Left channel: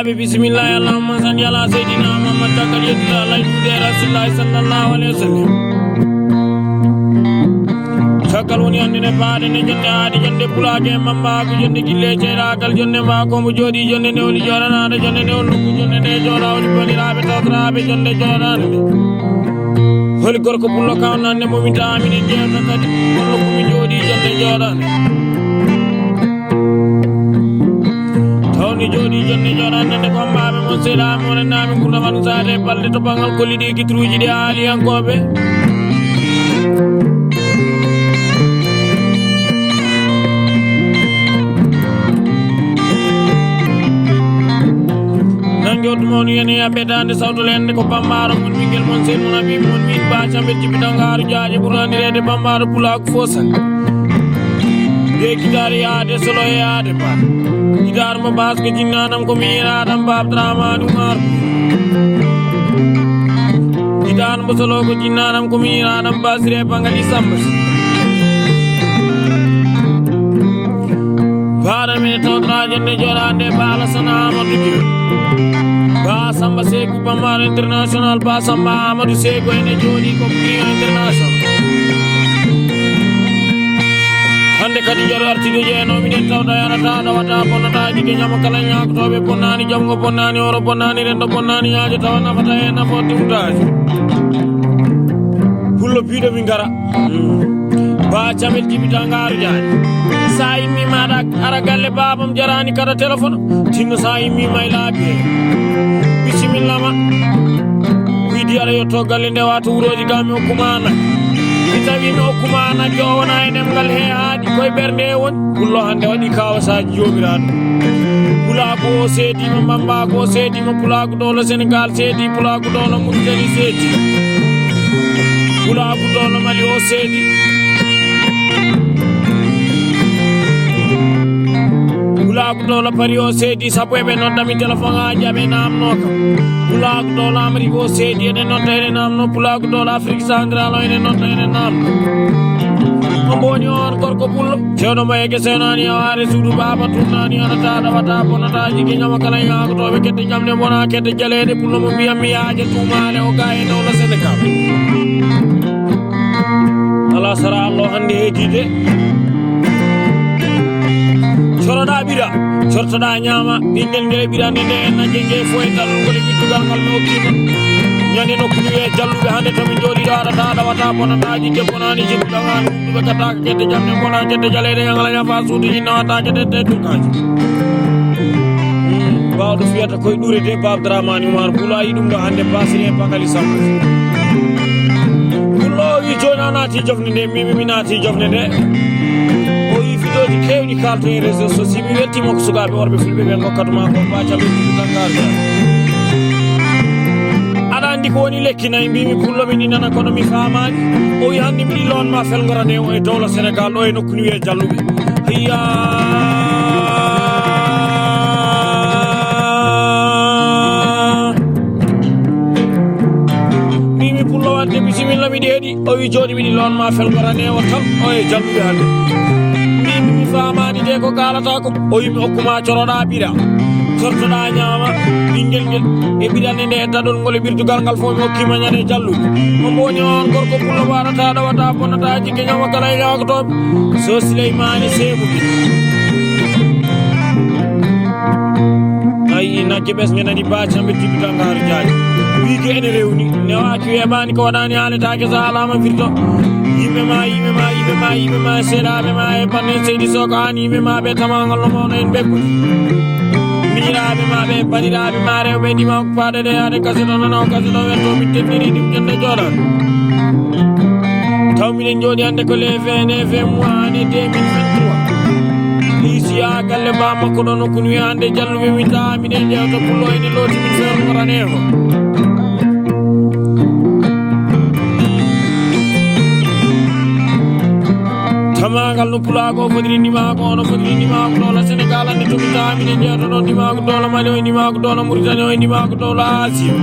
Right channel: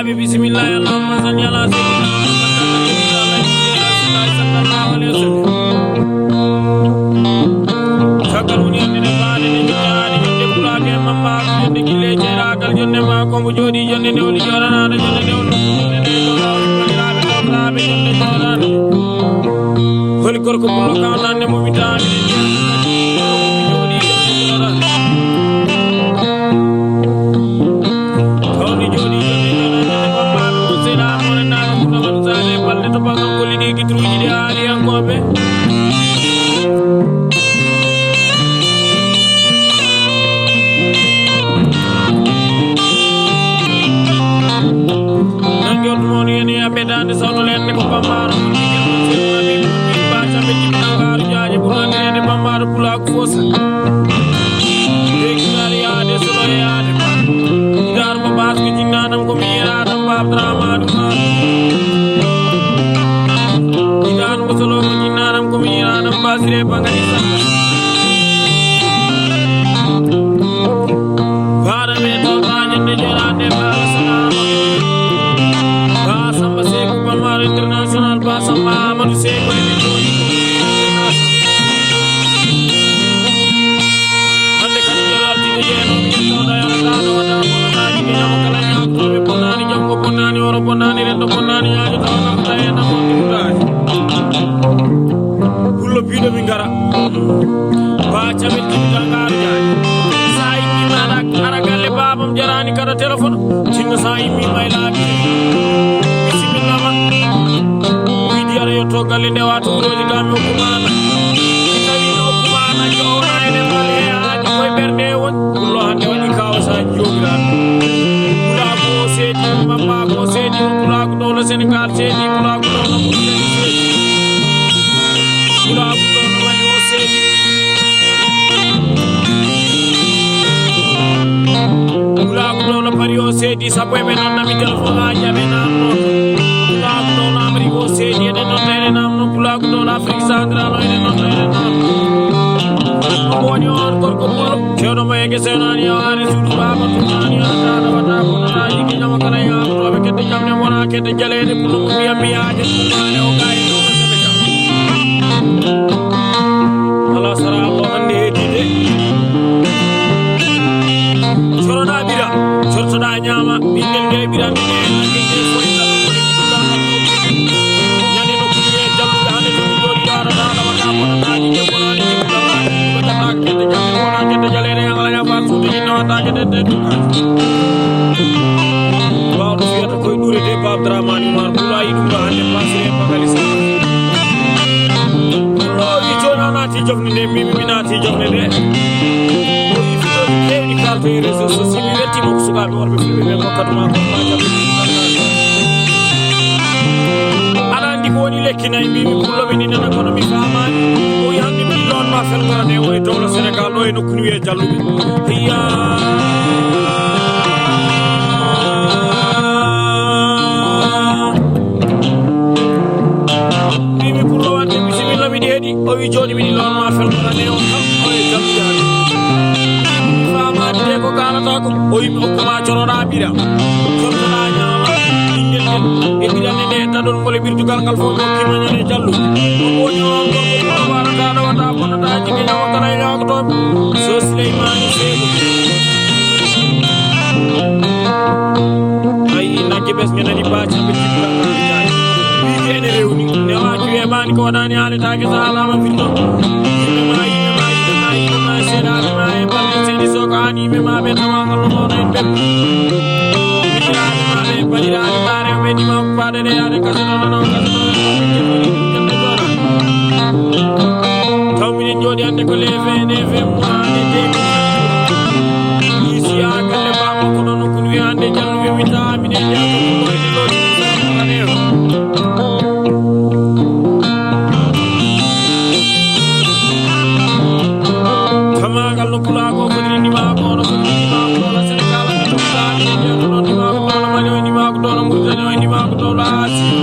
Bandiraɓe bisimillah allahumma salli ala seydina Muhammad takal yettude Allah yettude rasulillahi sallallahu alayhi wa sallam caggal woni hannde faade ne jettaade jonde pulake mammaako jonde gille ceeragal jonde ma kombo jooɗi jonde nde woni joranaɗo jonde nde woni jonde nde joɗawɗo bandiraɓe tokiraɓe jonde joranaɗo holi gorko pullo kawnande momi taamine jeeto kadi pullo komi jooɗi jonde joranaɗo tawni jooɗi jonde joranaɗo bambaɓe mon selaɓe mon naɓe ɓurɗamaɗo sade balɗe to banggal kolliɗi guitruji ɗi haaliyankoɓe mon yene abedande sawto lende ko bambaro mon jigel mon sey mon abi mon bi ba chambe tibnangaru jaaje burandirede bambaro pulak fosa de gidar yaade solo yaade ba gidar ba bas ke jinnadam ko miradam ba abdraman umar gidar ba solo ko jinnadam ko miradam basire bangani samba fara me to tajende jorande bala sanama dike Basamba Seku Bamar International Basamba Amadou Seku ene joni ko international hande kadi jaro artide jeeno mi tawda yana taada wata bonata jige nyama kala nyaako to be bonnani jango bonnani oro bonnani rendo bonnani yaaje tawana kata en na foti mutaji hullo bido mi ngara ba chamel ki dangaru jaaje sai mi mala ara galle babam jarani kada telephone tinno sai mi may laabi bismillah widi ara yo to galle nde wato wuroji gami okumana tawi no okumana jowna enem gal he haadi koy berde won kullo hande wadi kawasa jogiran kula ko seedi mamma ko seedi kula ko dolo Senegal seedi kula ko dolo Mauritanie seedi kula ko dolo Mali o seedi kula ko dolo Paris o seedi sabu e be nodda mi telephone aji abe namnoto kula ko dolo Amerique o seedi ene nodda ene namno kula ko dolo Afrique centrale ene nodda ene namno boni on gorko pullo cewdo ma yege senani yaare suudu baba tunani ana taada wata bonata jigi nyama kala yaako to be kedde jamne mona kedde jaleede pullo mo biya miyaaje tumale o gaay no la Senegal ala sara Allah hande hedide sorona bira sortoda nyama bindel de bira ne na jenge foy dal ko de tugal ngal no kimo nyane no kuye jalluɓe hande to mi jooɗi daara daada wata bonataji jebonani jiɗɗaani ɓe gata kedde jamde wona kedde jaleede ngalaña fa suudu jinna wata kedde teddukaji bawɗo fiyata koye ɗurete ba Abdramane Oumar Pulo ayi ɗum ɗo hande basire bagali sambo Pulo wi joni a naati jofne nde mimi mi naati jofne nde o yi fitoji kewɗi kalto e réseau sociaux mi wettimo ko sukaɓe worɓe fulɓe ɓe gokkatuma ko mbacaɓe ɗiɗiɗangaru andi ko woni lekki nayi mbimi pullo mi ni nana kono mi famani o wi hande mi lonma felgorane o e dowla Sénégal ɗo e nokku ni wiye jalluɓe iya mbimi pullo wadde bisimilla miɗi heeɗi o wi joni miɗi lonma felgorane o tan o e jalluɓe hande mi famani de ko kalata ko o wi mi hokkuma coroɗa ɓira sortoɗa ñama ɓinguel ngel e ɓirande nde daɗol ngol e ɓirtugal ngal fof mi hokkima ñande jallude mo boño on gorko pullo warataɗo wata bonnata jigge ñama kala e yakotoɓe so Souleymane Sego ayi nagge ɓes ñanani bacamɓe ɓirtugal ngal jaaji wiide ene rewni ne waki wemani ko waɗani haaletake so haalama firto yimɓema seeɗaɓe ma e banne seydi soko an yimɓema ɓe tamagal no mawno en ɓekku rabe mabe balirabe mare be di ma paade de yaade kasino nana kasino wen ko min jendiri din kende jora taw min jodi ande ko le VNF mo ane de isi akalle ba makko don ko wi ande jallu mi ta min e jato pullo ene lodi min fer morane ho tamagal no pulago fodiri ni ma ko no fodiri ni ma ko la Senegal ni to ta ni de to ni ma ko la Mali ni ma ko la Mauritanie ni ma ko la Asie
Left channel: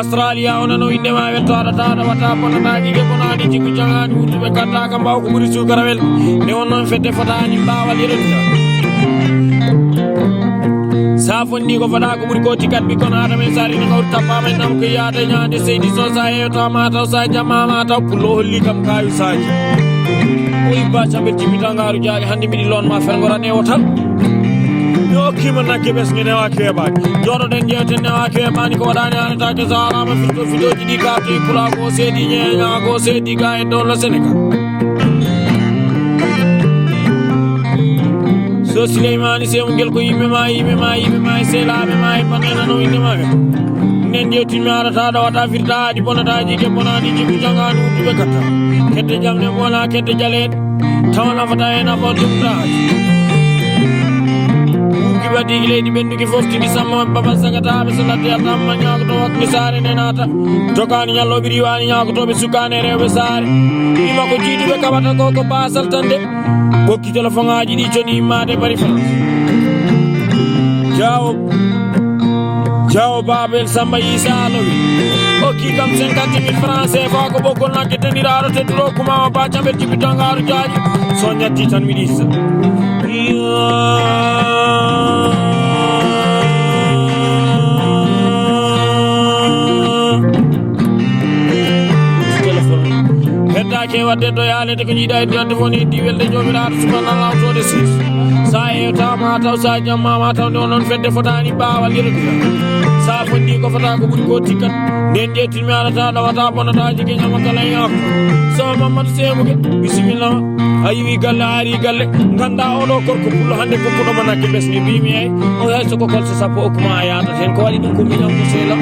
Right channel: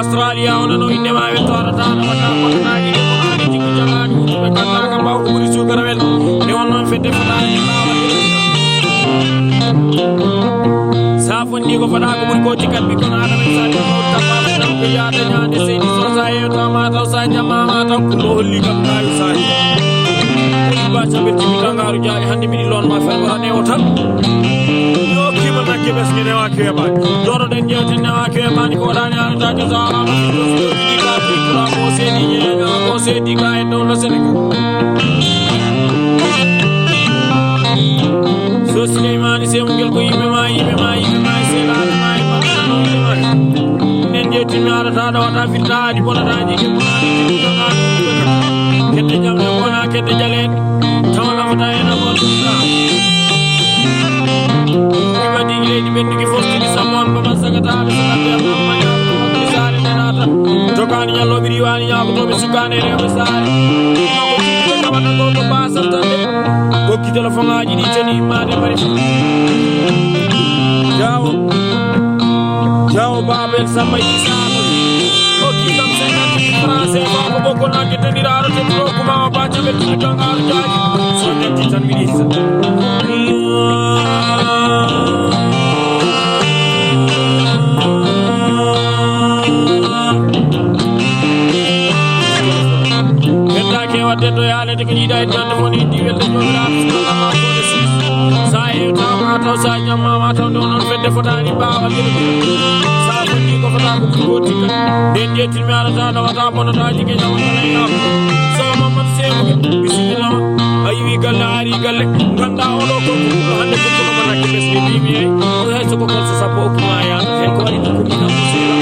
Australia ona no inde ma wen to ara ta wata bonata ni de bonani jikku jangani be kata ka baw ko buri su garawel ne wonnon fedde fata ni bawal yele Safon ni ko fada ko mun ko ci kat bi ko na dama sari ko tappa ma nam ko yaade nyaande seydi so sa e to ma taw sa jama ma taw pulo holli tam tawi sai o ba tambe ci tangaru jaali hande mi lon ma fel ngorane o tam yo kima nakke bes mi ne wa ke ba doro den jewte ne wa ke ba ni ko dani an ta ke sala ma fi do di ka fi pula ko seydi nyega ko seydi ga e do lo Senegal so Suleymani se ngel ko yimbe ma se la be ma e no yimbe ma nen jeti mi ara ta do ta firta di bonata di ke bonani di jonga no be ka kette jam e bona kette jale tawna fata ena ko dumta di badi le di ben ki fosti di samon baba sagata be salati Allah ma nyaako to ak ni sare nenata jokani nyallo biri wani nyaako to be sukane rewe sare ma ko jidi be kabata ko basal tande bokki telephone aji di joni ma de bari fa jawo babel samba isa no o ki kam 50,000 francs ba ko bokol na ke teniraro te tro kuma ba tambe ti tangaru jaji so nyatti tan mi disa ke wadde do yaale de ko jiida e tan woni di welde jomiraat subhanallah ko de sis sa e tama taw sa jamma ma taw non fedde fotani baawal yelo sa fonni ko fota ko buri ko tikkat den jeetil mi ala ta wata bonata jige nyama kala yam so mamad semu bismillah ayi galle ari galle ganda odo ko ko hande ko ko manaki besni bimi ay o hay so ko kol sa sapo kuma ya sen ko wali ko nyam ko sela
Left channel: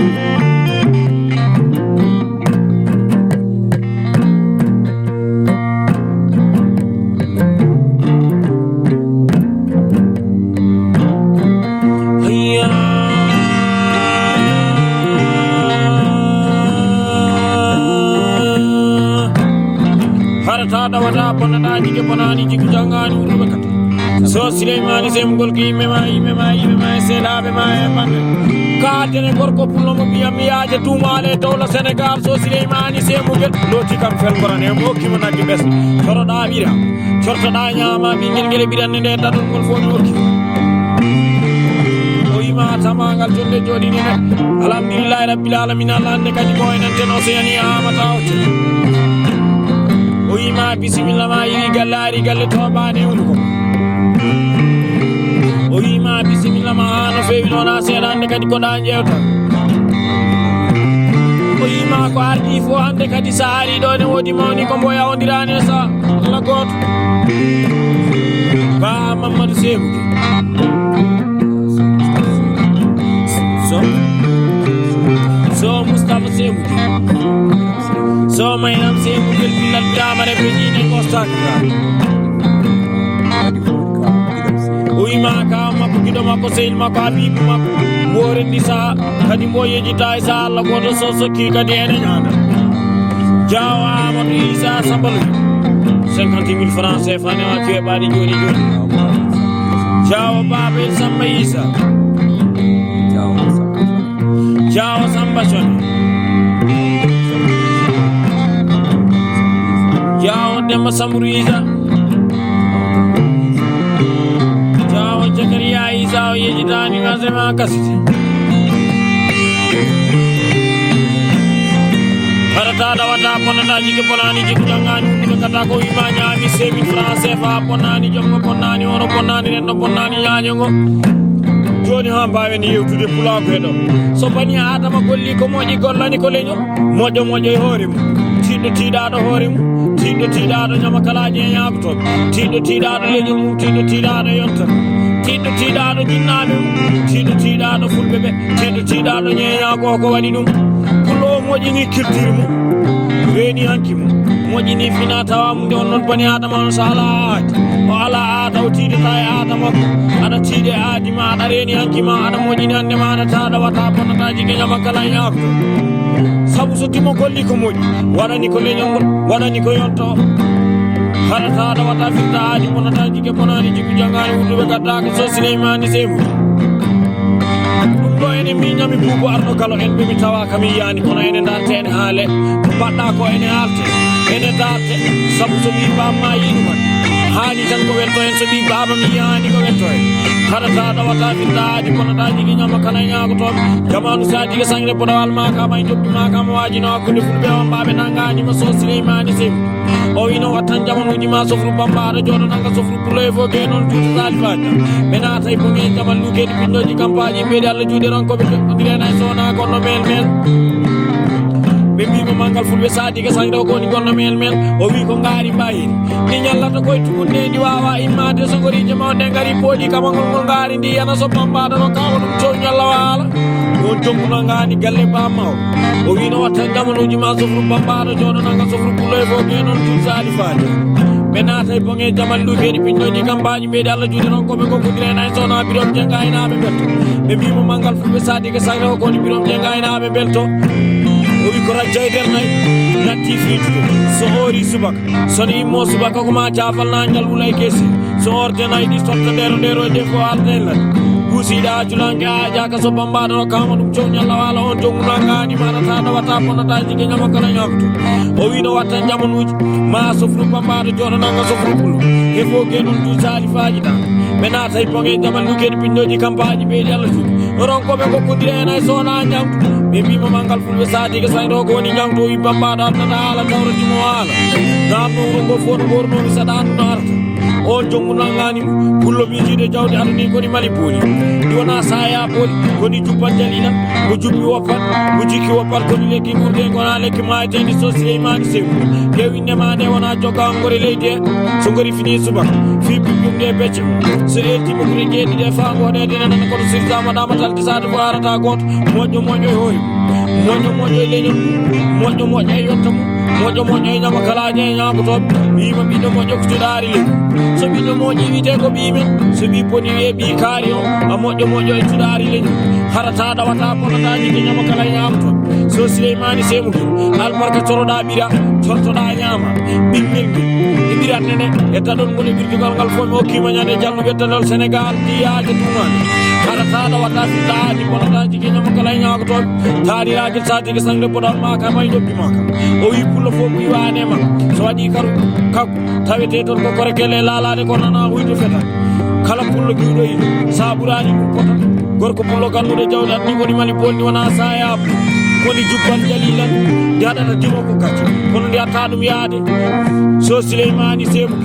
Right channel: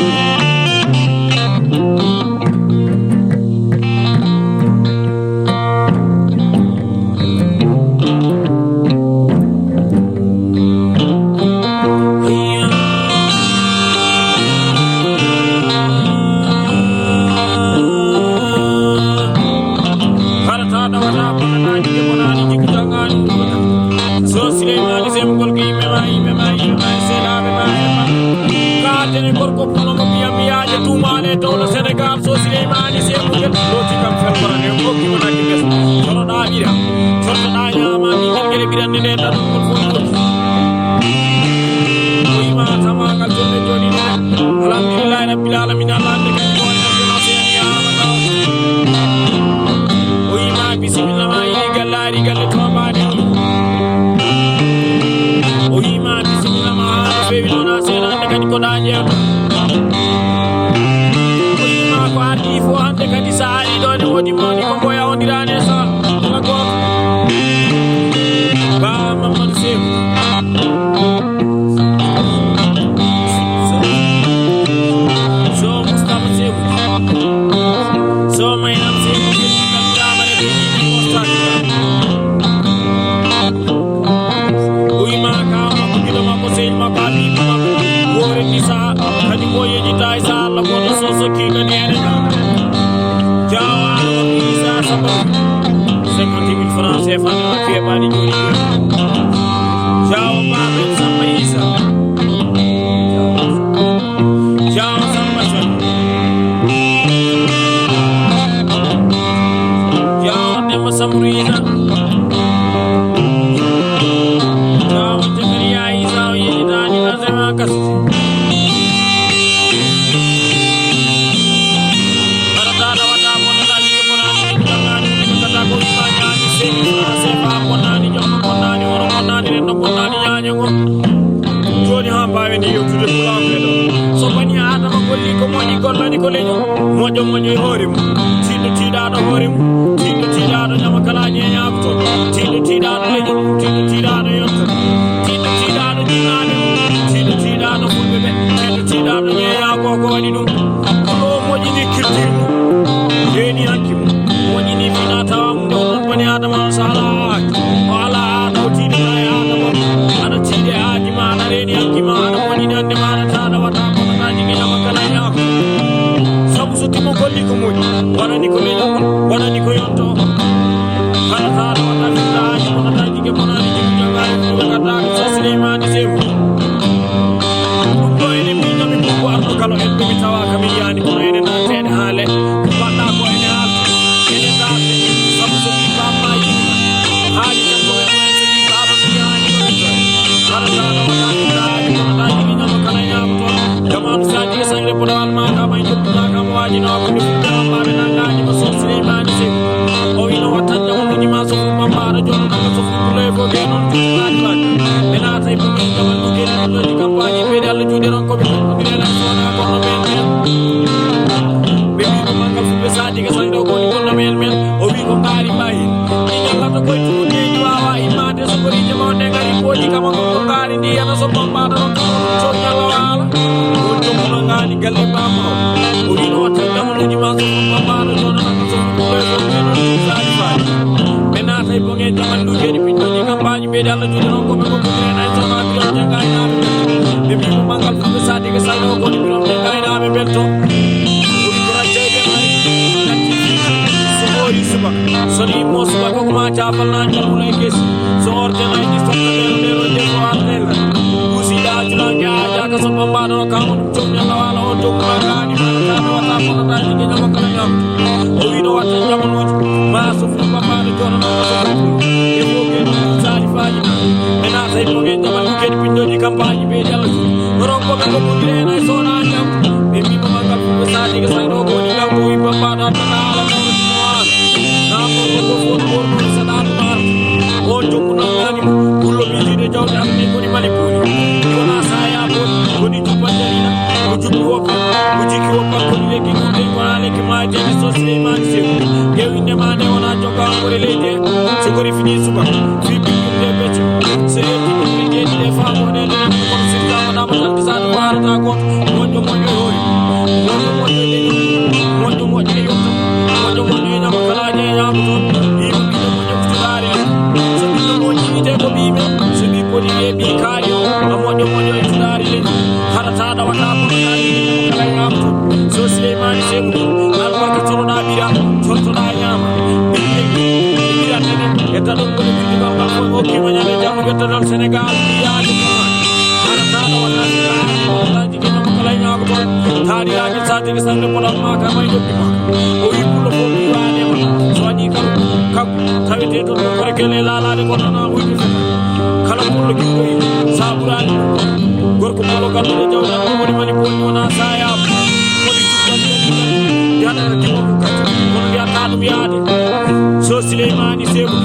so Suleymani se mugol ki me mai se la be mai ka tene gorko pulo mo mi yaaje tumale tawla Senegal so Suleymani se mugol loti kam fel korane mo ki mo nadi bes toro da bira sorta da nyama mi ngel biranni ne dadul ko fon mo o yima tamangal jonde jodi ne alhamdulillah rabbil alamin allah ne kan ko en den oceani amata o yima bismillah ma yi gallari galle to baade o yima bismillah ma no fewi dona selande kadi ko da jewta o yima ko ardi fo hande kadi saari do ne wodi mawni ko boya ondirane sa la gok ba mamad sebu so Mustafa sebu so mayam sebu lam damare be ni ko statra uyma ka ma ko gido ma ko seyil ma ka bi ma wore ni sa kadi mo yeji tay sa Allah ko do so ki kadi ene jawa ma bi sa sabal 50,000 francs fa ne wa ke bani joni jawa babel samba isa jawa samba son jawa ne masamru isa jawa jagariya isa yeji tani ma se ma kasi harata da wata ponana jike ponani jike jangani ko kata ko imanya ni sebi france fa ponani jommo ponani oro ponani rendo ponani nyaango joni ha bawe ni yotude pula bedo so bani adama golli ko moji gollani ko leño mojo e hoore mu tindo tiidado hoore mu tindo tiidado nyama kala nyaabto tindo tiidado leño mu tindo tiidado yotto tindo tiidado dinado tindo tiidado fulbe be tindo tiidado nyaa ko wali dum pulo moji ni culture mu reni hanki mu moji ni fina tawam don non bani adama sala wala dawtide tay adama ada tide aji ma ada reni hanki ma ada moji nande ma ada tada wata ponata jige nyama kala nyaako sabu so timo golli ko moji warani ko leño warani ko yonto hala tada wata fita aji ponata jige ponani jige jangani mu be kata ko so Suleymani sebu mi bubu ardo kala en dumi tawa kami yani kono ene dartene haale ko badda ko ene halte ene darte sabu so bi baba yima haali tan ko welno en so bi baba mi yani ko welto harata da wata daji kono daji ni nyama kala nyaago ton jamanu saji ke sangre podawal ma ka may joppi ma ka mo waji no ko ni fudde on babe nangaji ma so Souleymane Segu o wino watan jamanu ji ma so fu bambara jono nanga so fu lay fo ge non ci daji ba ena tay bu ngi jamal lu ge no di campagne be dal ju deron ko be ndire sona ko no mel bebi ko mangal fu be saji ke sangre ko ni gonno mel o wi ko ngari bayi ni nyalla to ko ci munde di wawa imade so ko ri jama de ngari poji kama ngol ngari ndi yana so bambara ro kawo to nyalla wala o jomu na ngani galle ba maw o wi no watan jamanu ji ma so fu bambara jono nanga so fu lay fo ge non ci saji ba mena tay bo nge jamal lu hedi pinno ni campagne be dalla jodi non ko be ko budre nay sona birom jenga ina be bi mo mangal fu sadi ke sayo ko ni birom jenga ina be belto o bi ko rajay den nay natti fi so hori subak soni mo subak ko ma jaafal na njal mulay kesi so orte nay di sokka dero de ko artel busi da julange aja ka so bambado kamo dum to nyalla wala on to mulangani mala ta wata ko ta jige nyama kala nyam o wi no wata jamunuji ma so fu bambado jono nanga so fu e fo ke non sali faaji na mena tay mo ngen jamal lu ken pindo di campagne be jalla ron ko be ko budire nay sona jam be mi mo mangal fu be saji ke sayro ko ni jam to wi bambado ta ala tawro ci mo wala ngam ko fo no borno sadan nar o jomuna ngani kullo mi jide jawde am ni ko ni mali poli wona saya bot ko ni tuba jalina ko jumbi woppa ko jiki woppa ko ni leki ko de wona leki ma jeni so Souleymane Segu dewi ne ma de wona joga ngore leyde so gori fini suba fi de becc se eti ko ni gedi de fa ko de de ko sirta ma dama tal tisadu warata got mojo hoy mojo leñum mojo yotto mojo nyama kala je nyama ton bima bido mojo ko dari so bido mojo wite ko bime so bi poni e bi kario a mojo e dari leñum harata da wata ko dari nyama kala nyama ton so Souleymane Segu albarka toroda bira tortoda nyama bira nene e tadon ko ni gal fo mo ki ma nyane jamu bettal Senegal ki yaade ko man harata da wata daji ko daji nyama kala nyama ton tari aji sati ke sangre podal ma ka may joppi ma o yippulo fo mi wane ma so wadi karu kak tawete ton ko kore kele lalade ko nana wujju feta kala pullo biido saburani ko gorko pullo gandude jawda ni woni mali bonni wana saya ko di jubbal dalilan yada na timo ko kat kono ya tadum yaade so Souleymane Segu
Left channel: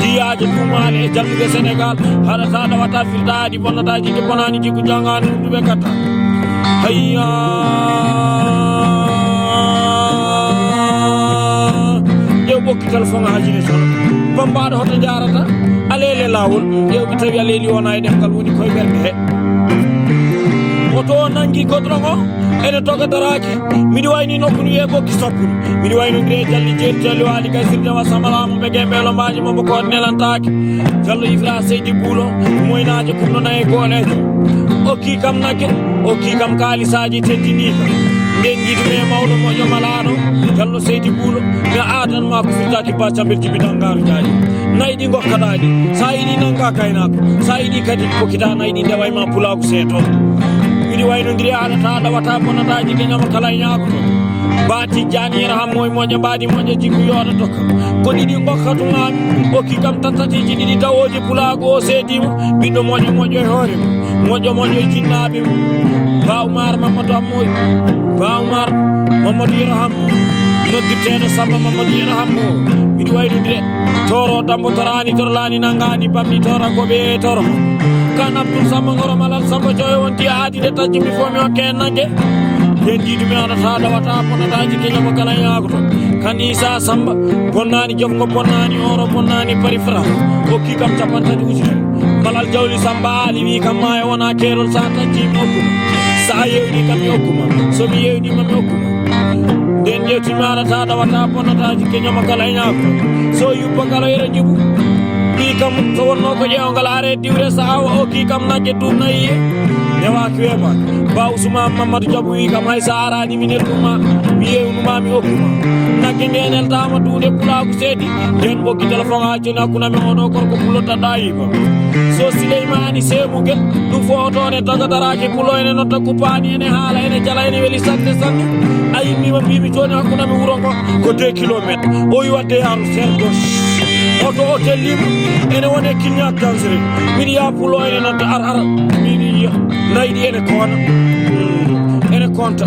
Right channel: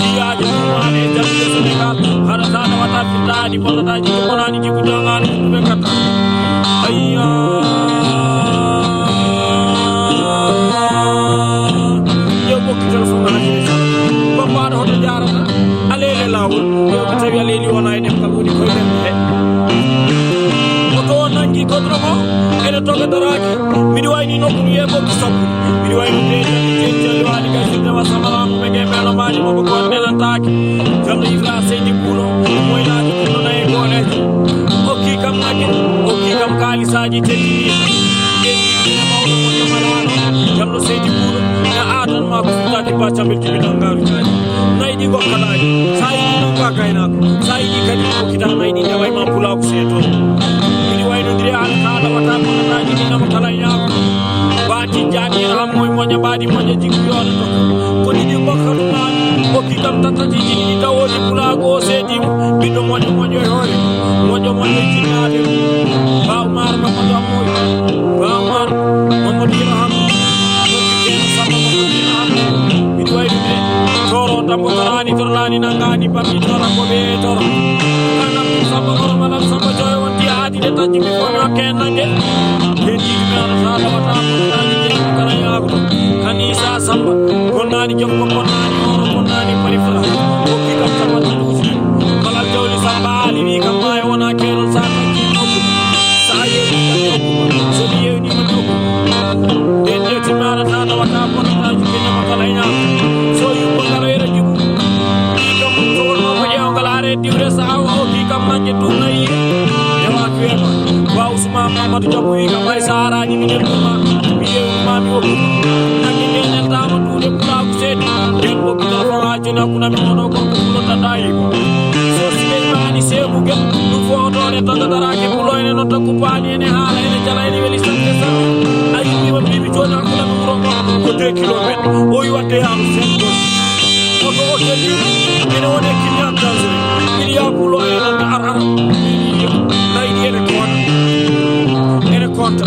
diyaje dumade e jallude Senegal harata da wata fitadi bollata jiki konani jiku jangani be kata hayya bokki telephone hajiri tan bambado hoto jarata alele lawol yewbi tawi aleli wona e deftal woni koy derde oto nangi kodromo ene toga daraki midi wayni nokku ni e bokki sappu midi wayno de jalli wali kay firde wa samalamu me gemelo maaji mo ko nelantaki jallo ifla seydi bulo moynaade kunno nay golejo okki kam nagge okki kam kalisaji teddini ndengi dum mawdo mo jamalano jallo seydi bulo ya adan ma ko fitaki bacca belti bi dangaru jaji naydi gokkalaji sayidi nanga kaynako sayidi kadi ko kita naydi deway ma pulaku seto idi wayno ndiri ala taala wata kono daji nyama kala nyaako baati janira ham moy monya baadi monya jigu yodo tok ko didi gokkatu ngami ko kikam tatati didi dawoji pulago sedi bindo monya hore monya jinnabe ba Umar Mamadou Amoy ba Umar Mamadou Raham noditeno sama Mamadou Raham idi wayno ndiri toro dambo torani torlani nangani pammi tora ko be toro kanam sama ngoro malal sama joyo wonti aadi de tajmi ko mi kenange bendi dum ana taala wata ko daji kene ko kala yaago kanisa samba bonnani jom ko bonnani oro bonnani parifra o ki kam tapanta duusi malal jawli samba ali ni kam ma wona kerol sa tanji nokku sa yewi kam nokku so mi yewi man nokku den yeti mana taala wata ko daji kene ko kala yaago so yu ko kala yere jubu kam so wonno ko jewngal are diwre sa o ki kam najje dum nayi yawa kema ba Ousmane Mamadou Diabu wi kam ay sahara ni min duma mi yewuma mi okuma najje nenen dama duude pulaku sedi den bokki telephone ha jona kuna mi ono ko pulota dayi ko so Souleymane Segu gel du foto ne taga daraje puloyne no takku paani ne hala ene jala ene weli sante sami ayi mi bibi jona kuna mi wuro ko 2 km o yi wadde yaaru sen dos oto hotel libre ene wone kilian dangereux min ya pulo ene ar laydi ene kona ene konta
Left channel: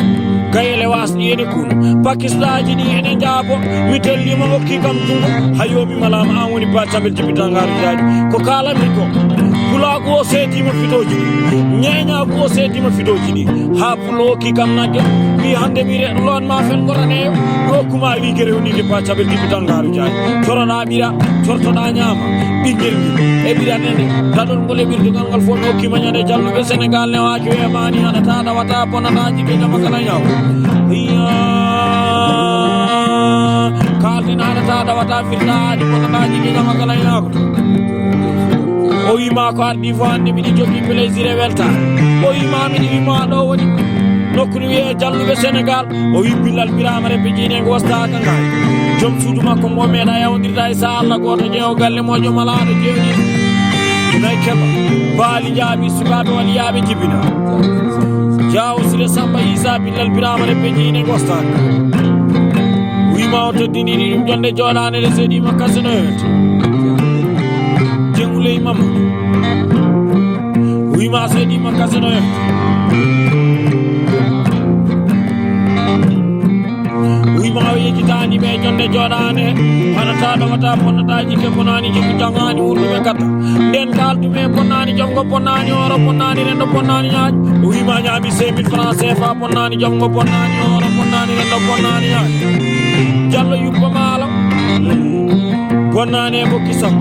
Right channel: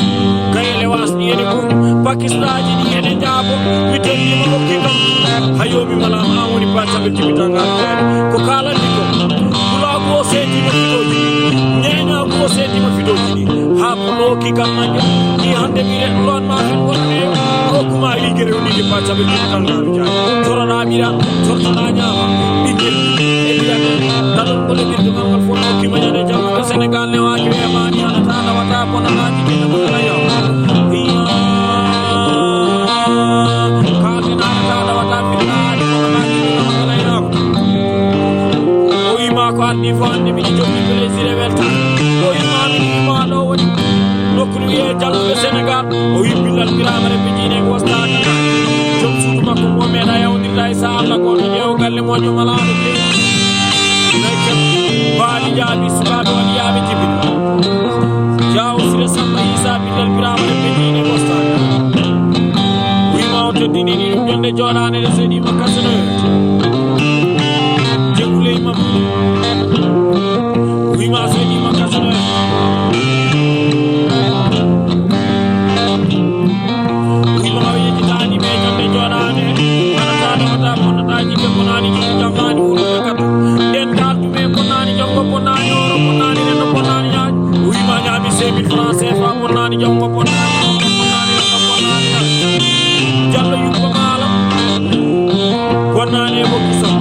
gayele wasni ene ku pakistaji di ene jabo witelli ma hokki kam dungo hayomi malama an woni baccabe tibitangar jabi ko kala ni ko pula go seti mo fitoji nyenya go seti mo fitoji di ha pulo ki kam naje ni hande mire lon ma fen gorane rokuma yigere woni di baccabe tibitangar jabi sorana mira sortana nyama bingel e biya ne dalon ko le birdu ngal fon hokki ma nyade jalbu ko Senegal ne waji e mani ana ta wata pona naji ke makala yaw kalina ana ta wata filadi pona naji ke makala yaw o yima ko ardi fande mi joggi plaisir e welta o yima mi ma do woni nokku ye jalbu Senegal o yibilal biramare be jine go wasta tan jom suudu makko mo meeda yawdirda e sa Allah goto jeew galle mojo malado jeewi nay keba baali jaabi sukaado wali yaabe jibina jaw sire samba isa bilal biramare be jine go wasta wima o teddini dum jonde jodane de sedi makasino jengule imam wima sedi makasino tani be jonde jodane ana taada wata bonata jibbe bonani jibbe jangani wuru be kat den kaldu me bonani jongo bonani oro bonani rendo bonani nyaaj wi ma nyaabi 5000 francs CFA bonani jongo bonani oro bonani rendo bonani nyaaj jallo yubbo malam bonani bokki sam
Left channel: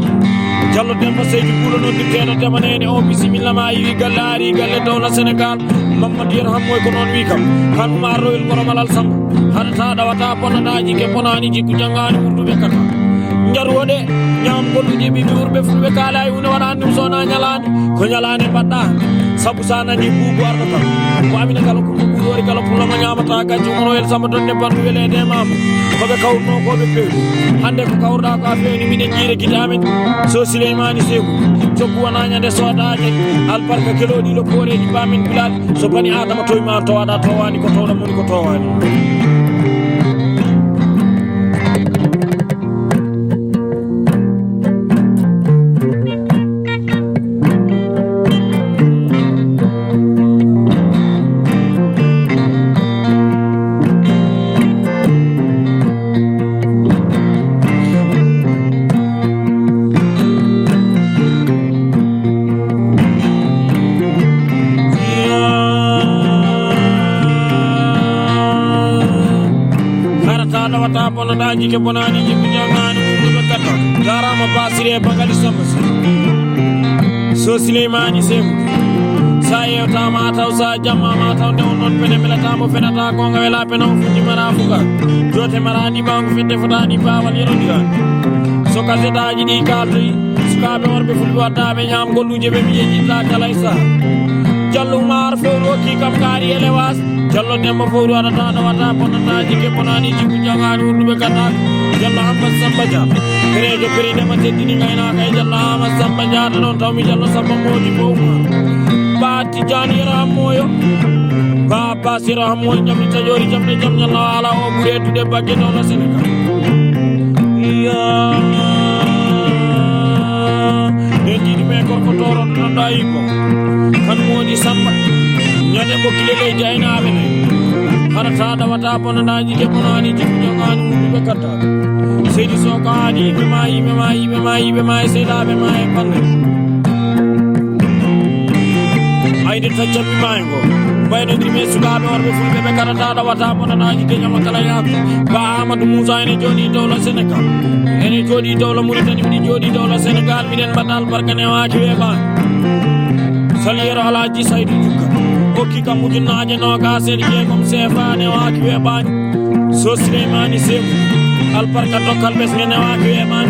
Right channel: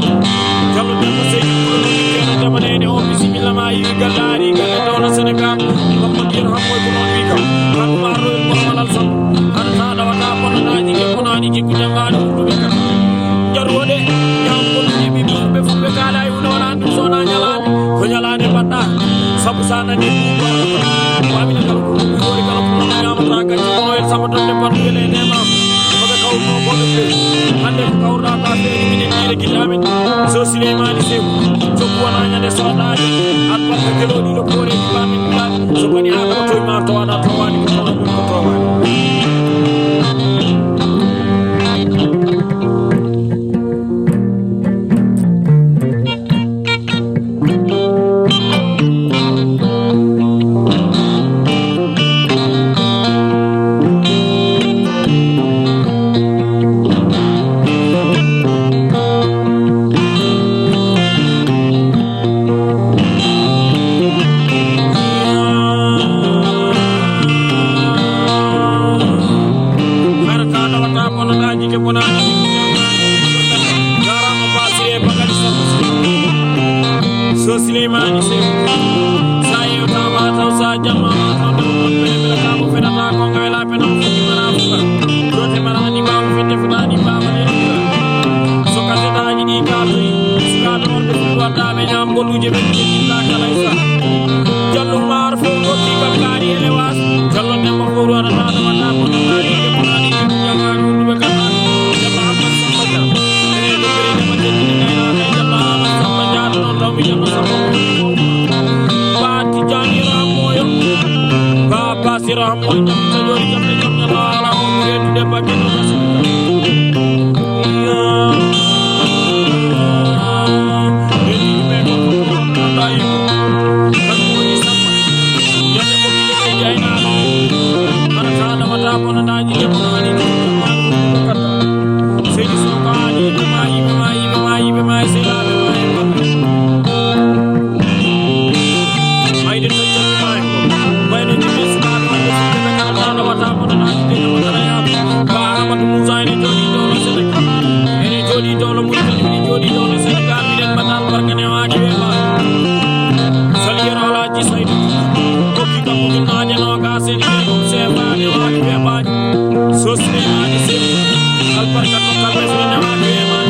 jallo demba seydi kulo no dikena jamanene o bismillah ma yi galari galle do la Senegal mamad yerham moy ko non wi kam kan ma royal koromalal sam ana taada wata bonanaji ke bonani jikku jangani wuru be kat jarwode nyam golu jibi durbe fubbe kala ay wona wala andum sona nyalane ko nyalane badda sabu sana ni bubu arda ko amina kala ko bubu kala pulama nyamata gaji mono el samaton de bandu wele de mam ko be kawno ko be hande ko kawda ka feeni minen jire kidamen so Souleymane Seku so buwana nyande sodaade albarka gelodi do pore bamin bilad so bani adama toy ma to wada to wani ko tawda mon ko to wani bonanaji ke bonani ke jangani wuru be kat garama basire bangal samba so Souleymane Seku sayo tama taw sa jamma ma taw de non pene bela tamo fenata ko ngawela pena fuji mara fuka jote marani ma fete futani bawal yero so kadetaji di kaldi suka do worbe fudu wada be nyam goluje be ji la dalaysa jallu mar fo roti kam kari elewas jallo demba fo wada ta wada bonanaji ke bonani ke jangani wuru be kat jalla Ahmad Samba Dia Gerejo Gerejo Majidini Naina Kay Jalla Ahmad Samba Dia non taw mi jallo Samba Modi ko Baati Jami Ramoyo Baba Sira Moy jam tajori jam ne jam Yalla ala o mure tude bagge no nasika ya Edi me ko toron nanda iko kan moni Samba nyane ko kile jayna ala ana taada wata bonanaji ke bonani jangani wuru be kat Seydi Sokani be mai sela be mai bangi ay de tajal mango bayno di mesuba do warbe fude be kala taada wata bonanaji ke makala ya ba Amadou Moussa ene jodi dawla Senegal ene jodi dawla Mauritanie ene jodi dawla Senegal mi den batal barkane waaji we ba saliyero alaji Saydu ko ki kam mujunaaje no ga seni ke mum sefane waaji we ba so Souleymane Seku albarka tokkal be fene waade e man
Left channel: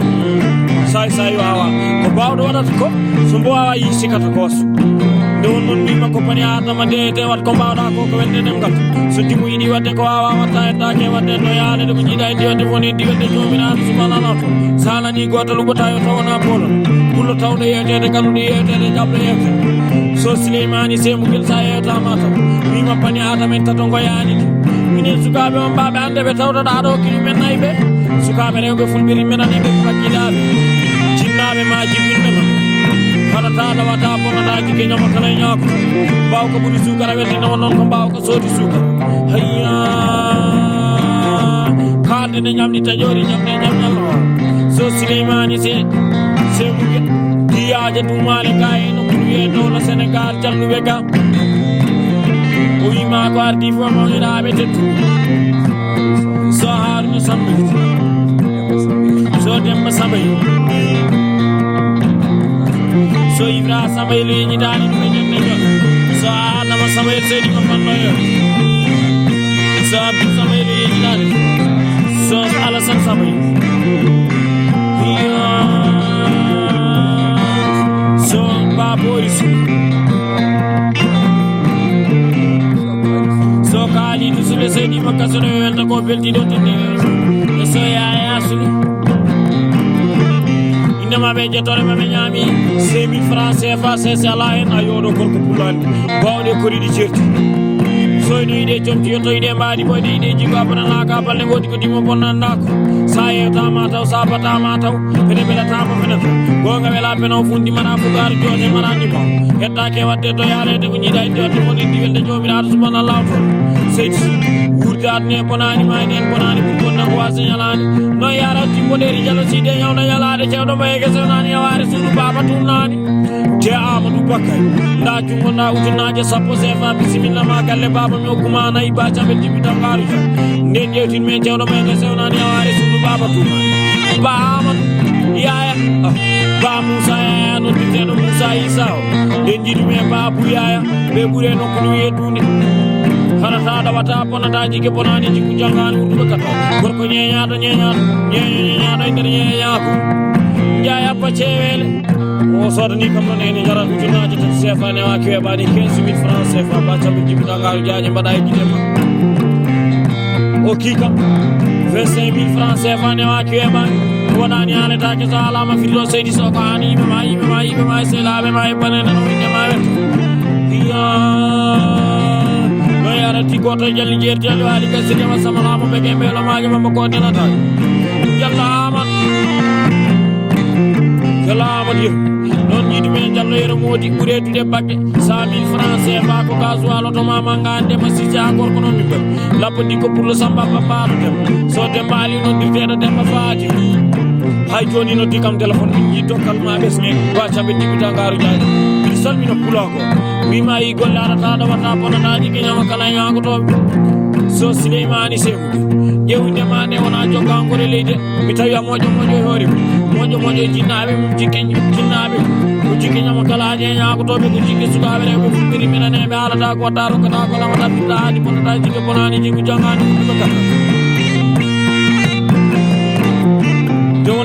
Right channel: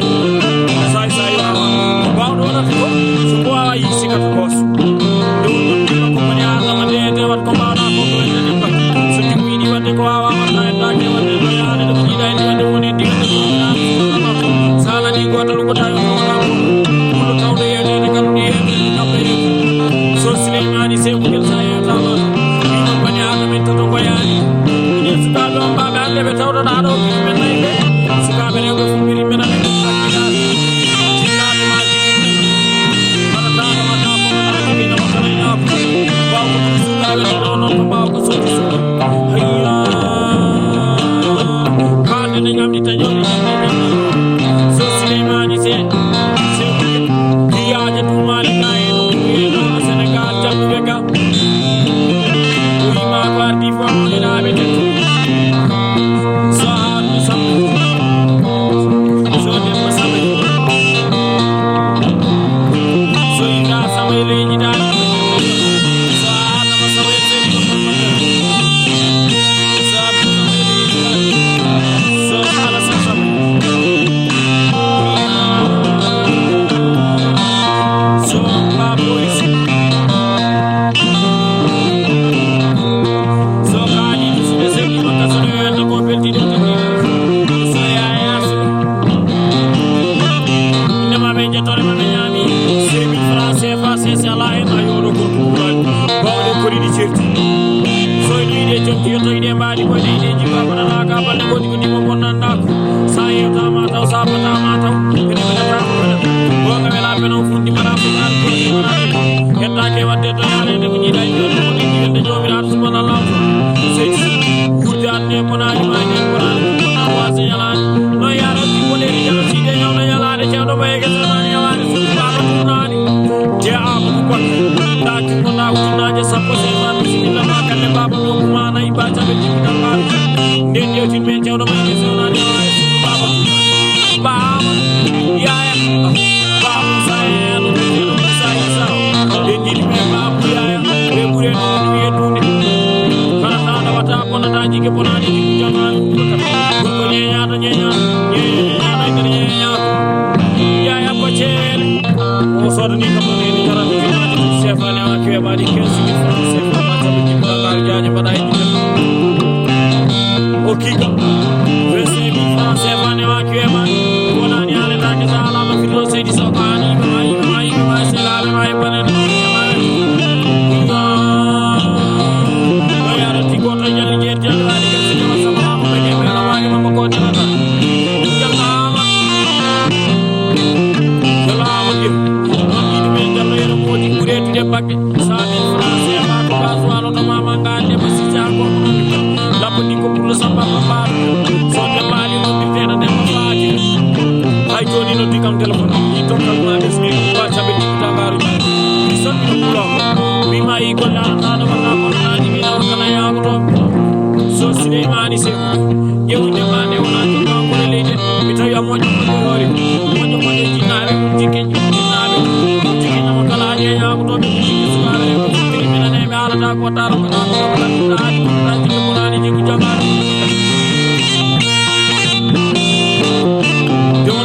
say wawa ko bawdo wadata ko so bo wawa yi sikata ko do non ni ko bani adama de te wat ko bawda ko ko welde den kam so timu idi wadde ko wawa wata e daake wadde do yaade do ni dai wadde woni di wadde ko mi an subhana sala ni gotal ko tayo ko na bolo kullu tawde yede de kam ni yede de kambe so Souleymane Seku ngel sayo tamata ni ma bani adama en tato ko yaani ni suka do mbaba ande be tawda da do ki men nay be suka be rewbe fulbiri men ande be takkidaade jike nyama kala nyako baw ko bu sukara wel ni non ko baw ko sodi sukara hayya kalde ni nyam ni tajori nyam so Suleymani se ko yaaje du male kay no no na Senegal jalbu weka oyi ma ko ardi fo mo le rabe te so har ni sambe so dem ma sambe so ina sambe le ni dal so na ma sambe te ni ma ma so sambe le ni dal so ala sambe so my boys so kali bisube se di makasono na ko belti do tinde so ya yasu ina ma be jotore ma nyami 2000 francs CFA c'est la en ayodo ko ko bulan bawde ko di certi so ni de jonki yoto ide mbaadi boy de ji babana na ka balle godi ko dimo bonnanda ko saye tama taw sabata ma taw bene bene tama bene bo nga wela beno fundi mana ko gar joni mana ni mo yetta ke wadde to yaale de ko jida ide to ni de jomi na subhanallah ko sey gurdan ne bonani ma ni bonani ko na ko asenyalan no yara ti ko le jalo ci de yaw na yala de cewdo baye ke sonani yawari sunu baba tunani je amadu bakay da ko na utina je sapo se fa bismillah ma kalle baba mi kuma na ibacha be ci dangaru den je ti men cewdo me ke sonani yawari sunu baba tunani ba amadu ya ba musa no ti no musa isao den ji me ba bu ya be bure no ko ni yedunde harata da wata pona da jike pona ni jangalu ko kata ko nyenya to nyenya da nyenya ko ya pachel o sodni kam ne ni garam tuna to sefa ne wa ke ba di 15000 francs sefa ba ta bi dangalu jaani badai di o kika 25000 francs sefa ne wa ke ba wala ni ale ta ni sala ma filo seydi so kaani mai se la be mai bana no nyama ya ti goto jalli jeer jalli wali ka sini sama lama be ke mela mage mama ko dana ta jallama di non ni me jallo yero modi gure tude bakke 100000 francs CFA ko gasoil to mama ngande ma si ja ko non ni lapo di ko pour le samba papa so de bali no di tena de ma faati hay joni no di kam telephone di tokkal ma bes ni ba tabe di dangaru jaay son no pulango mi ma yi gollana ta do wala ko na di mi na kala ya ko to so Suleymani se yewde ma ne wona jonga ko leede mi tawi amojo hori mojo jinaabe jikki nyama kala je nya ko to be jikki sukabe ko firi mi na ne be ala ta ko taro ko ta ko ta di ko ta jikki bonani jikki jangani ko ta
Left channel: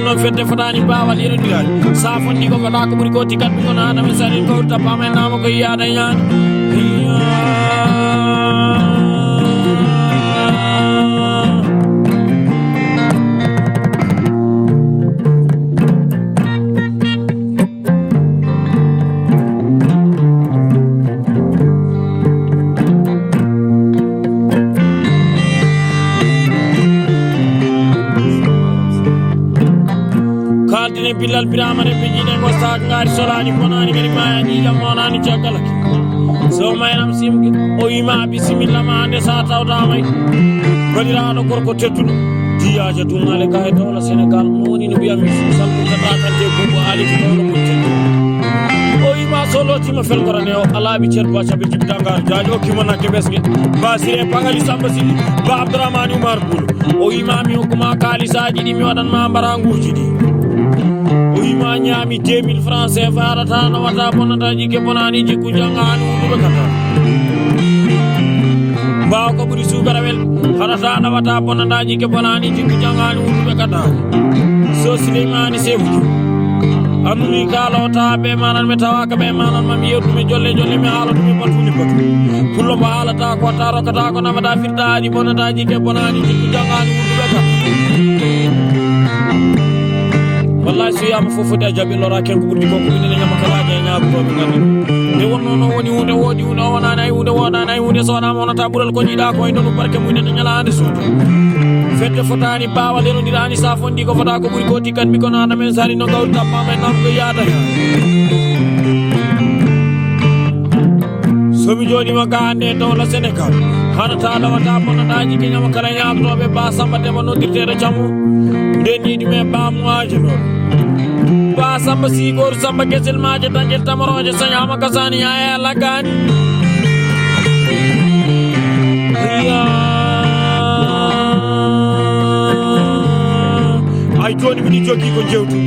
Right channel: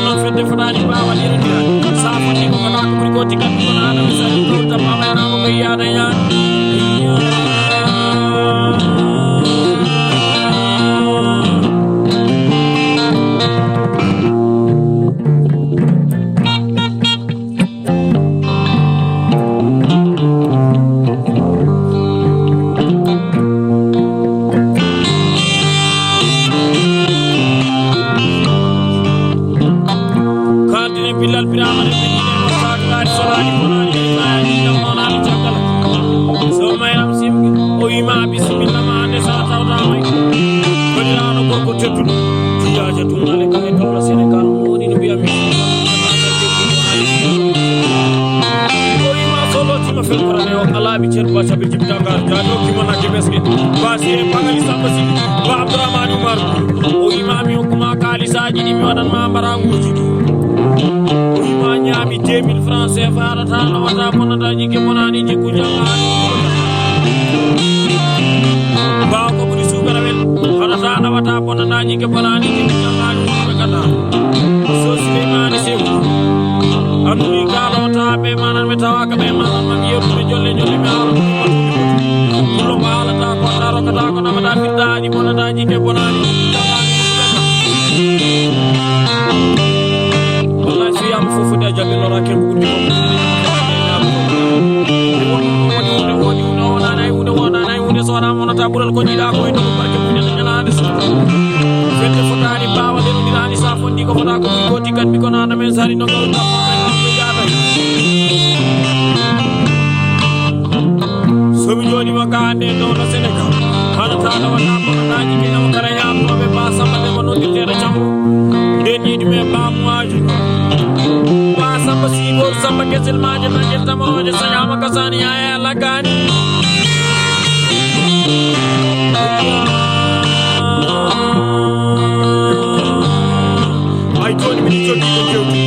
non fedde fotani bawa dire dia sa fonni ko mala ko buri ko tikat ko na na misali ko ta pama na mo ko yaada nya bilal biramane bidine mo saat ngari solani bonani ngari maani jamonani cakala so maynam sim o yima bismillah ma ande sa tawda may badiraano gorko teddudo tiyaje dunale kay to Sénégal moni no biam salmi ka tatal de bubu ali ko o yima solo tima fel korane o ala bi cer ba sabi jibdanga jado kimana ke besni basire pangali sambasi ba Abdourahmane Oumar Boul o yima mi hokuma kalisaji di mi wadan ma baranguji di ma nyami 2000 francs CFA rata na wata bonata jike bonani jiku janganu ko kata ba ko buri sugarawel rata na wata bonata jike bonani jiku janganu ko kata so Suleymani sebu amuni kala ta be manan me tawaka be manan mam yedu me jolle me halu me matuni ko kullo bala ta ko taro kata ko na mata firdaji bonata jike bonani jiku janganu ko kata wallahi so yam fofu da jabi lora ken bu guddi ko ni na makala de nyaab ko ni wonno no woni wona nay hunde so na mona ta bural ko ni da ko ndo barke mu ni nyalaande so fete fotani bawa de no dirani sa fondi ko fota ko muy ko tikat mi ko na men sari no gaw tamma men am ko yaada somi jodi magande dawla Sénégal hana ta dawata bonataji ke nyama kala nyaamnobe ba samba de no ditere jamu deni me ba muaji no ba samba sigor samba kesel maaje tajel tamaroje sanyama kasani ya lagani ay toni mi jogi ko jewti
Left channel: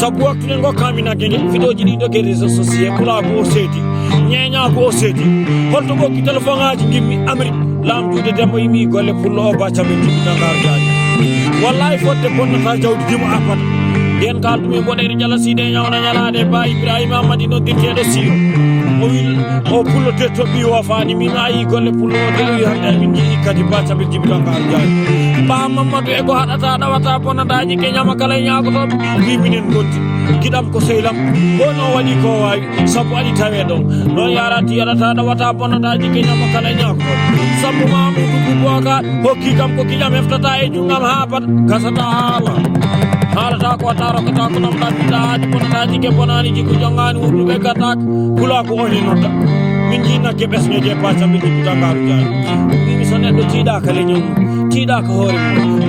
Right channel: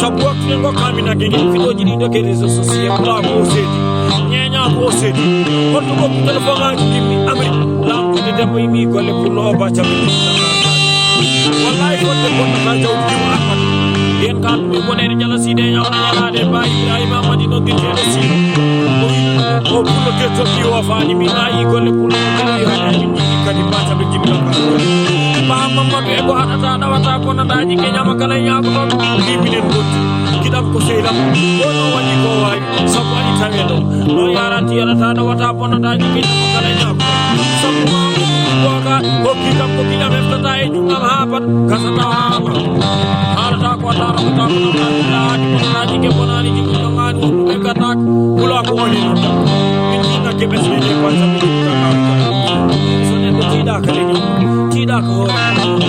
sabu waktu ngo kamina gene fidoji di doke réseaux sociaux pour la bo sedi ñeña bo sedi holto ko téléphone aji dimmi amri lam de dembo mi golle pour lo ba tabe di Dakar gaji wallahi fodde bonnata jawdi juma apat yen kal mi bonere jala side nyawna nyalade ba Ibrahima Madino ditede si o pulo tetto bi wa fani mi ayi golle pulo de ya kadi ba tabe di Dakar gaji ba Mamadou e go hadata dawata bonataji ke nyama kala nyaako to bibinen gotti kidam ko seylam gono wali ko way sabu ali tawedo no yarati yarata dawata bonataji ke nyama kala nyaako sabu mamu ko boka hokki kam ko kiyam eftata e jungam hapat kasata hala ta ko taro ko ta ko nam laaji bonataji ke bonani jiku jongani wudu be gatak kula ko woni nodda min dina ke besme je pa tabe di Dakar so neddo tida kala nyum tida ko hore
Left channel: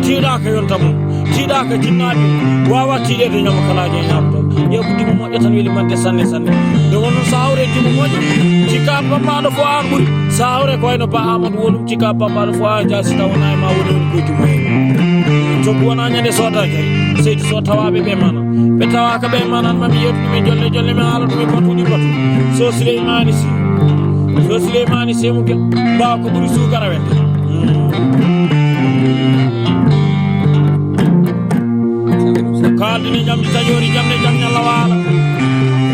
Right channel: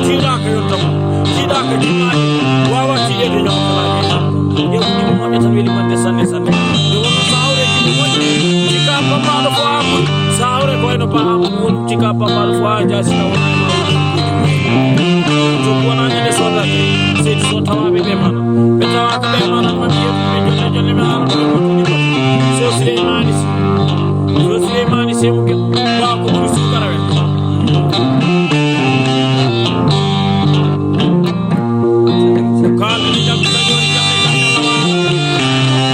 tida ko yontamo tida ko jinnaade wawa tide de nyama kala je nyamdo yobu dum mo tan weli man de sanne yo wono sawre dum mo cika pamba do ko amul sawre ko no ba amul wolu cika pamba do fo jasi na wona ma wolu ko dum to ko na nyande sota ke se so tawabe be mana be tawa ka be mana man yo be jolle me haala dum ko tuni ko so Suleimani se mu ba ko mu su garawe kal ni jam tajori jamne jam Allah wala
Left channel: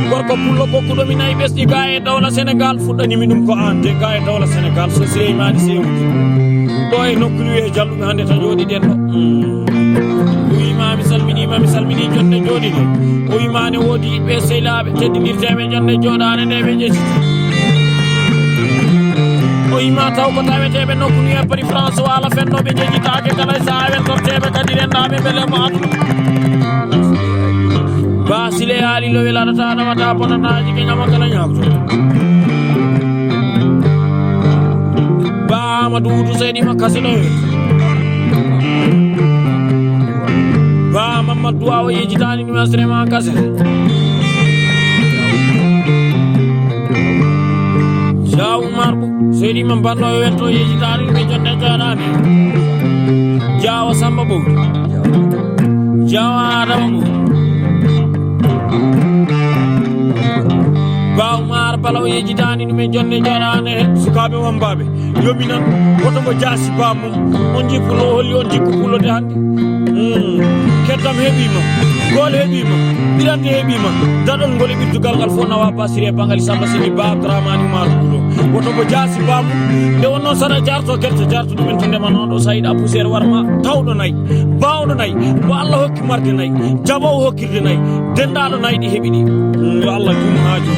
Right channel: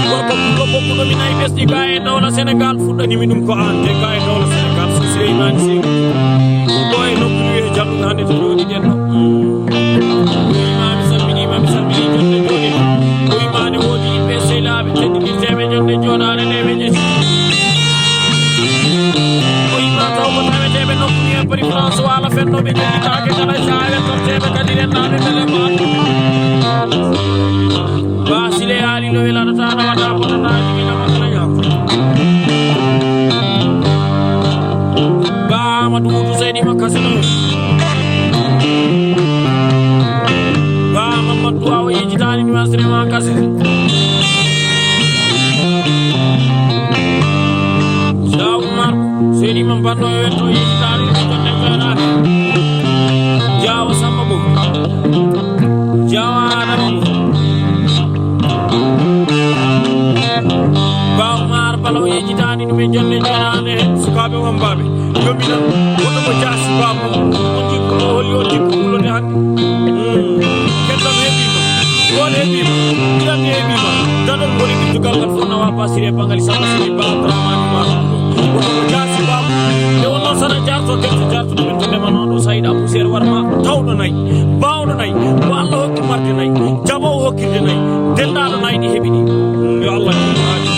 gorko pullo bokku do min ay besdi gaay dawla Sénégal fuddani minum ko ante gaay dawla Sénégal so Suleimani se mu boy nokku e jamdu hande to jodi den no imam salmini jonde jodi o imane wodi be selabe teddirteme jonde jodane ne be jesi ima taw ko tawetebe nokku ni pari France wala fenno be jeji taake kala saawe tortebe kadire nabe bele maatu basile ali lo wela ta na wata bonana ji nyama kala nyakto ba madudu seydi makaselo ba mamadou awo yejitani mi asre ma kase Jaw marbu seydi man bando e wetto yejitani be jonde jarane Jaw samba bu Jaw adam bu Baw mar balaw yejitani me jonde jarane sukabe wambabe dominan woto mo jasi bamu on jipulo holli on jipulo de hande ketam hebima gol hebima diran hebima dadol ngoli biddugal gal fona wa pasire bangali samba sini ba Dramani marbulo woto mo jasi bamu de wonno sana jarto dum tinde man on do sayda poussière warma tawdo nay bawdo nay ko Allah hokki marde nay jabo hokkirde nay dendado nay di hebini yo Allah dum haaji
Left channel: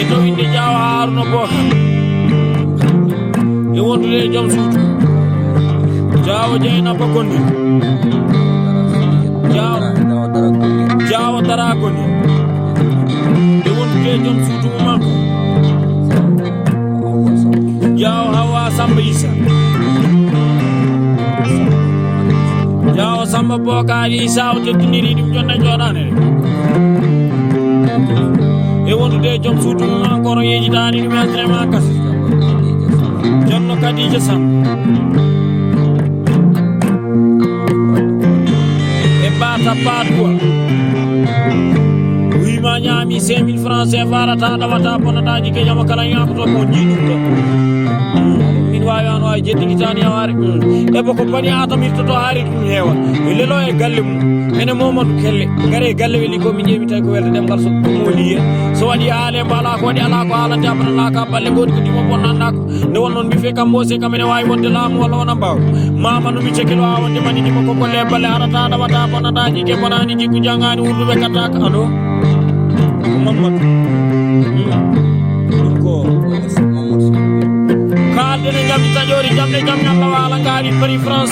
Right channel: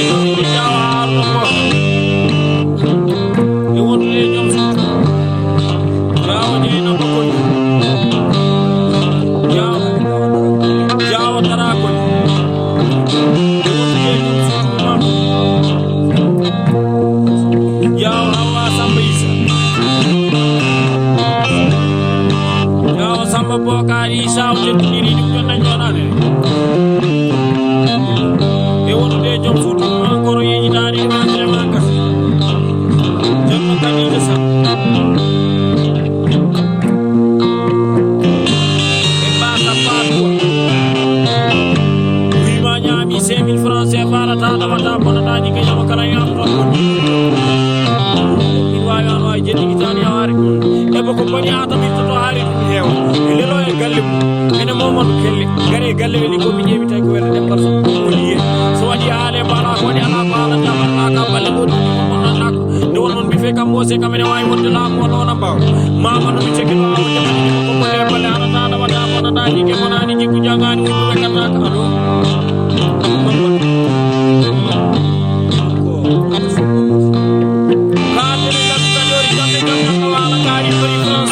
e do inde jawa arno boka e wonde jom suutu jawo jeena bokoni jawo darakon e wonde jom suutu man jawo hawa samba isa jawo samba bokari saw tekkiniri dum jonna jodane e wonde jom suutu man koro yejitani dum entrema kas Jomma Kadija Sam e baka padua wima nyami 5000 francs e barata dawata bonataji ke jama kala yam to mo min wawi an way jeddi tani awari e bako bani adam to hari dum hewa lelo e galle ene Mamadou Kelle gare galle weli ko mi jeemi tay ko welde dem gal so mo liye so wadi ale bala ko di ala ko ala jabal la ka balle go dum mo bonnana ko de wonon mi fe kam bose kamene way wonde laamu wala wona baw mama no mi cekil wa wonde mani ko ko bolle balle arata dawata bonataji ke bonani jikku jangani wurdu be kata alo Mamadou ko ka de ngam tajori jamne jamna wala ngari pari France